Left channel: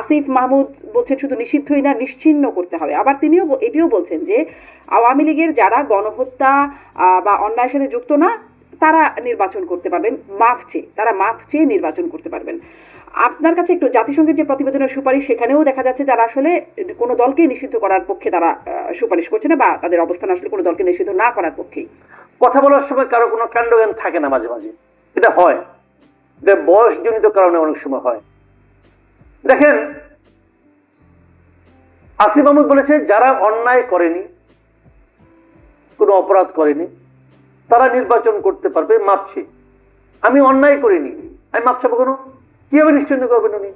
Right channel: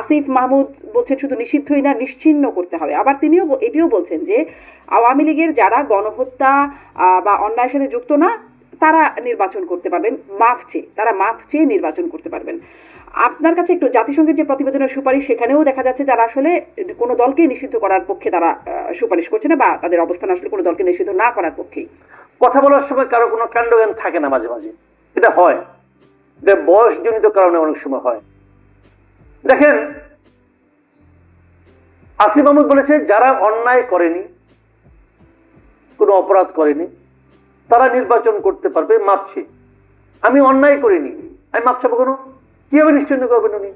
আসিফ মাহমুদ বলছেন শুধু নিষিদ্ধই না নিশ্চিন্ন করতে হবে আবার তিনিও এটিও বলছেন যে আওয়ামী লীগের যারা গণহত্যা বা অন্যায়ের সাথে যুক্ত না তারা নির্বাচন করতে পারবেন মাফ চেয়ে তারা মাফ চেয়ে নির্বাচন করতে পারবেন আপনার কাছে একটু জাতিসংঘের যে প্রতিবেদনের সুপারিশ সেখানেও দেখা যাচ্ছে যারা আসলে কোনো দলকে নিষিদ্ধ করার পক্ষে তারা সুপারিশ করছে না বা তাদের অবস্থান আসলে কোনো দলকে নিষিদ্ধ না করার পক্ষে কথা বলার সময় কারো কোনো কাণ্ডজ্ঞান থাকে না মাঝে মাঝে এটা হয় এটা বয়সজনিত কারণে অনেক সময় হয় দেখেন আসিফ মাহমুদ বলেছে যারা অন্যায় করেনি কোনো অপরাধ করেনি তারা নির্বাচন করতে পারবে মাপছি আমি অন্যায় করিনি আমি মাপছাবো কেন কিভাবে নিশ্চিন্ন করবেন উনি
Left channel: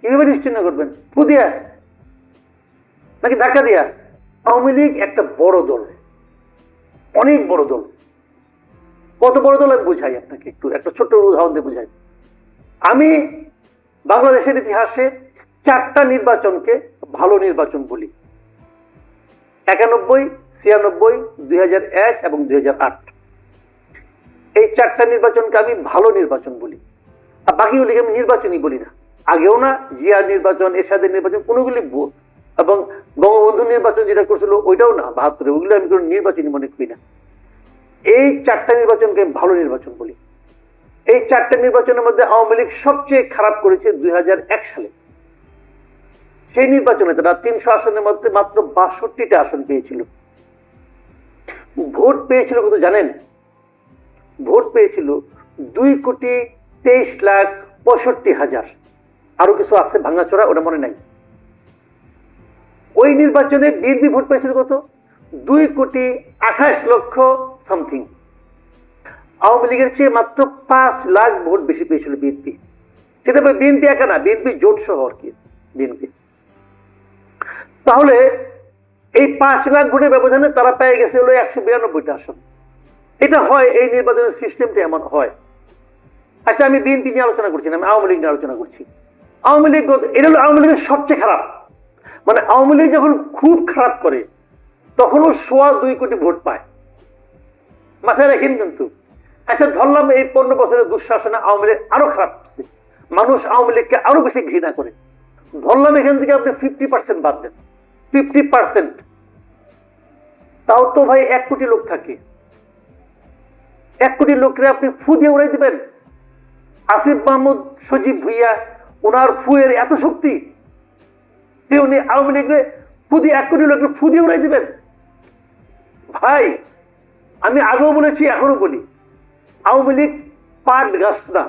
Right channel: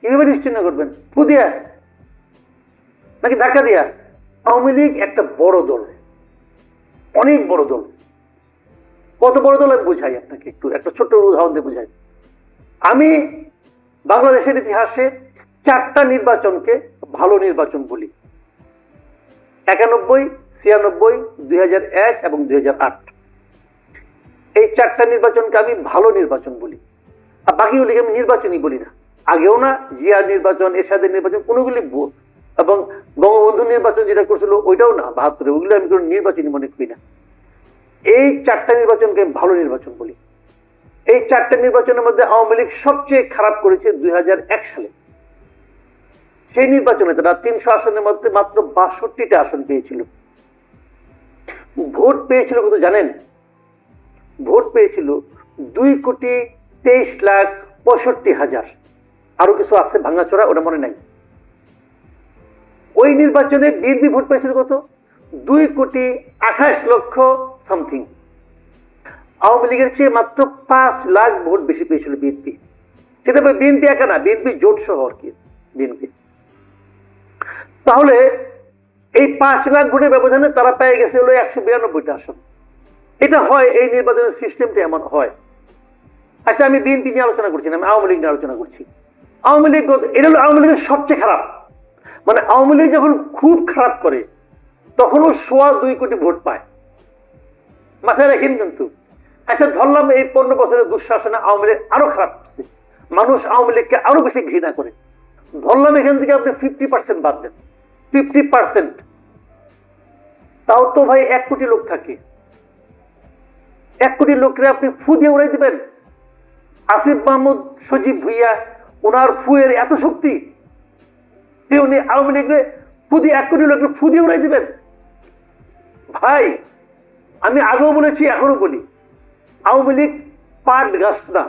কিভাবে নিশ্চিন্ন করবেন ফুদিয়া নাকি ধাক্কা দিয়া আওয়ামী লীগ একটা বড় দল অনেক বড় দল কত বড় দল আমি বুঝাই আপনাকে একটু একটা ছোট্ট উদাহরণ দিয়ে বুঝাই আমি বাংলাদেশের ইতিহাসে চারটা নির্বাচনকে ভালো নির্বাচন বলি একানব্বই ছিয়ানব্বই দুই হাজার এক এবং দুই হাজার আট এই চারটা নির্বাচনকে আমি ভালো নির্বাচন বলি আর বাকিগুলিকে আমি নির্বাচনই বলি না আগেও না জিয়া নির্বাচন এরশাদের নির্বাচন কোনোগুলি এবং বঙ্গবন্ধু নির্বাচন যেটা করছিল ওইটাও না বাহাত্তরে ওগুলো আমি কোনো নির্বাচনই মনে করি না এই চারটা নির্বাচনকে আমি ভালো নির্বাচন বলি এই চারটে নির্বাচনের মধ্যে আওয়ামী লীগ সবচেয়ে খারাপ করেছে দুই সালে সেই নির্বাচনে তারা তিনশো আসনের মধ্যে মাত্র বাষট্টিটা আসন পেয়েছিল ভোট পেয়েছিল কত জানেন ভোট পেয়েছিল দুই কোটি তেইশ লাখ পঁয়ষট্টি হাজার আরো কিছু আছে ভাঙাচোরা ওটা মনে নাই ওই নির্বাচনে বিএনপি ভোট পেয়েছিল কত দুই কোটি আঠাশ লক্ষ সামথিং আওয়ামী লীগের চেয়ে মাত্র পাঁচ লাখ ভোট বেশি পেয়েছিল বিএনপি সেটা বিএনপি একা না বিএনপি জোট সহ আর কি বিএনপি তাহলে এই পাঁচ লাখ ভোটের ব্যবধানে তারা পেয়ে গেছে হলো একশো বিরানব্বইটা আসন এটা হয় এই নির্বাচনের সিস্টেমটা এমন হয় আচ্ছা আমি বিএনপি নিয়ে আলোচনা করছি আমি আওয়ামী লীগ নিয়ে আলোচনা করছি আওয়ামী লীগ এটা হলো আওয়ামী লীগের সবচেয়ে খারাপ মানে আওয়ামী লীগ যখন খুব খারাপ করে তখনও সোয়া দুই কোটি ভোট পায় মাথায় রাখেন কিন্তু একটা আচ্ছা, ধরলাম এই পনেরো বছরের দুঃশাসনে আওয়ামী লীগ আরো খারাপ করছে মানুষ আওয়ামী লীগকে আরো বেশি ঘৃণা করে ধরলাম এখান থেকে আপনি ফিফটি পার্সেন্ট বাদ দেন ফিফটি পার্সেন্ট তাও তো ভাই এক কোটি লোক থাকে এক কোটি লোকরে আপনি ফু দিয়ে উড়াই দিবেন আসিফ মাহমুদ সজীব ভুইয়া ওনার ফুয়ের এত শক্তি উনি আওয়ামী লীগরে ফু দিয়ে এক কোটি লোককে ফু দিয়ে উড়াই দিবেন ভাই আমি আগেও বলেছি এখনো বলি আওয়ামী লীগ পাট গাছ না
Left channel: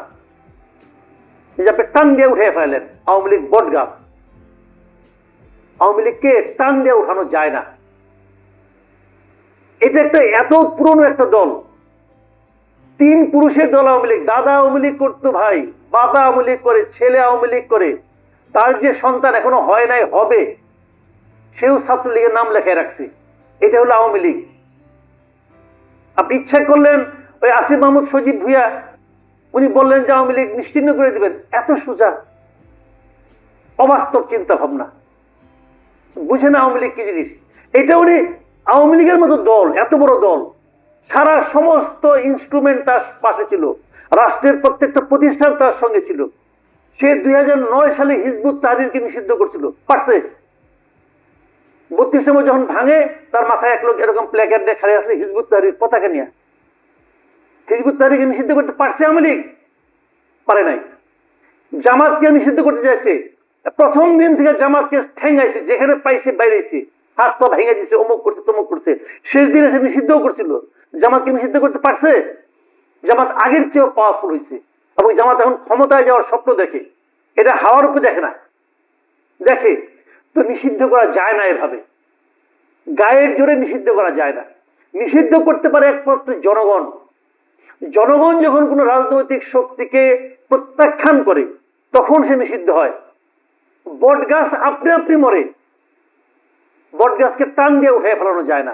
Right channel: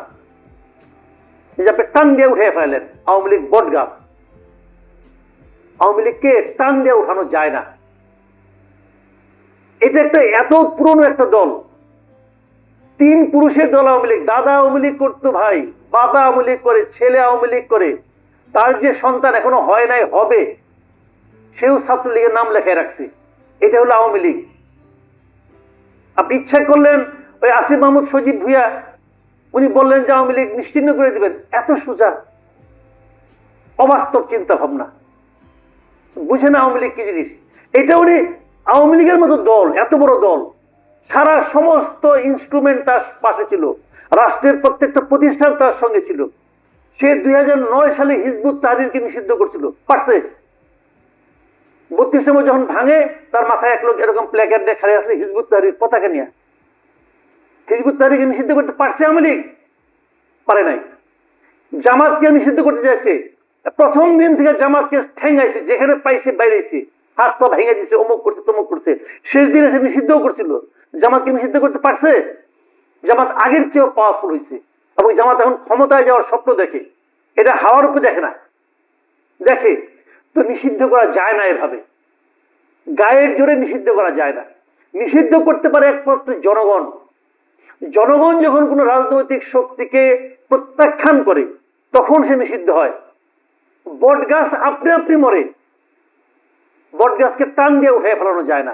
টান দিয়ে উঠে ফেলেন আওয়ামী লীগ বট গাছ আওয়ামী লীগকে টান দিয়ে উঠানো যায় না এটা একটা এত পুরনো একটা দল তিন পুরুষের দল আওয়ামী লীগ দাদা আওয়ামী লীগ করতো ভাই বাবা আওয়ামী লীগ করে ছেলে আওয়ামী লীগ করে তার যে সন্তান এখনো হয় নাই হবে সেও ছাত্রলীগের নাম লেখায় রাখছে এটা হলো আওয়ামী লীগ আপনি ইচ্ছা করলেন ওই আসিফ মাহমুদ সজীব ভুইয়া উনি বললেন যে আওয়ামী লীগ নিশ্চিন্ন করে দেবেন এত সোজা অবাস্তব চিন্তা ভাবনা বুঝে না আওয়ামী লীগ কি জিনিস এটা উনি আওয়ামী লীগের মতো দল এত বড় দল সারা সমস্ত ইনস্ট্রুমেন্ট তার পাশে ছিল রাষ্ট্রের প্রত্যেকটা প্রতিষ্ঠান তার সঙ্গে ছিল সে দুই হাজার নয় সালে হিজবুত তাহরিরকে নিষিদ্ধ করছিল পাশে বত্রিশ সময় যখন ভাঙে তার মাথায় এক লোক এরকম প্ল্যাকার দেখা খালি আছে হিজবুত তাহরির পতাকা নিয়ে হিজবুত তারিখে নিষিদ্ধ করতে পারছে পারে নাই জামাতকে নিষিদ্ধ করতে চাইছে প্রথম দিন থেকে জামাতকে ঠেঙাইছে যেখানে পাইছে বাইরেছে হাত পা ভেঙে অমুক করছে তমুক করছে শেষ দিন এসে নিষিদ্ধও করছিল জামাতকে নিষিদ্ধ করতে পারছে জামাত আগের চেয়েও পাওয়ারফুল হয়েছে এবং জামাত এখন ক্ষমতায় যাওয়ার স্বপ্ন দেখে এটা হাওয়ার উপরে দেখে না দেখে তো নিষিদ্ধ করা যায় না এভাবে গায়ের জোরে নিষিদ্ধ করা যায় না নিষিদ্ধ করতে পারে একমাত্র জনগণ জনগণ যখন কোনো রাজনৈতিক শক্তিকে প্রত্যাখ্যান করে তখন সে নিষিদ্ধ হয় বট গাছ আপনি আপনি মরে বট গাছকে টান দিয়ে উঠে ফেলানো যায় না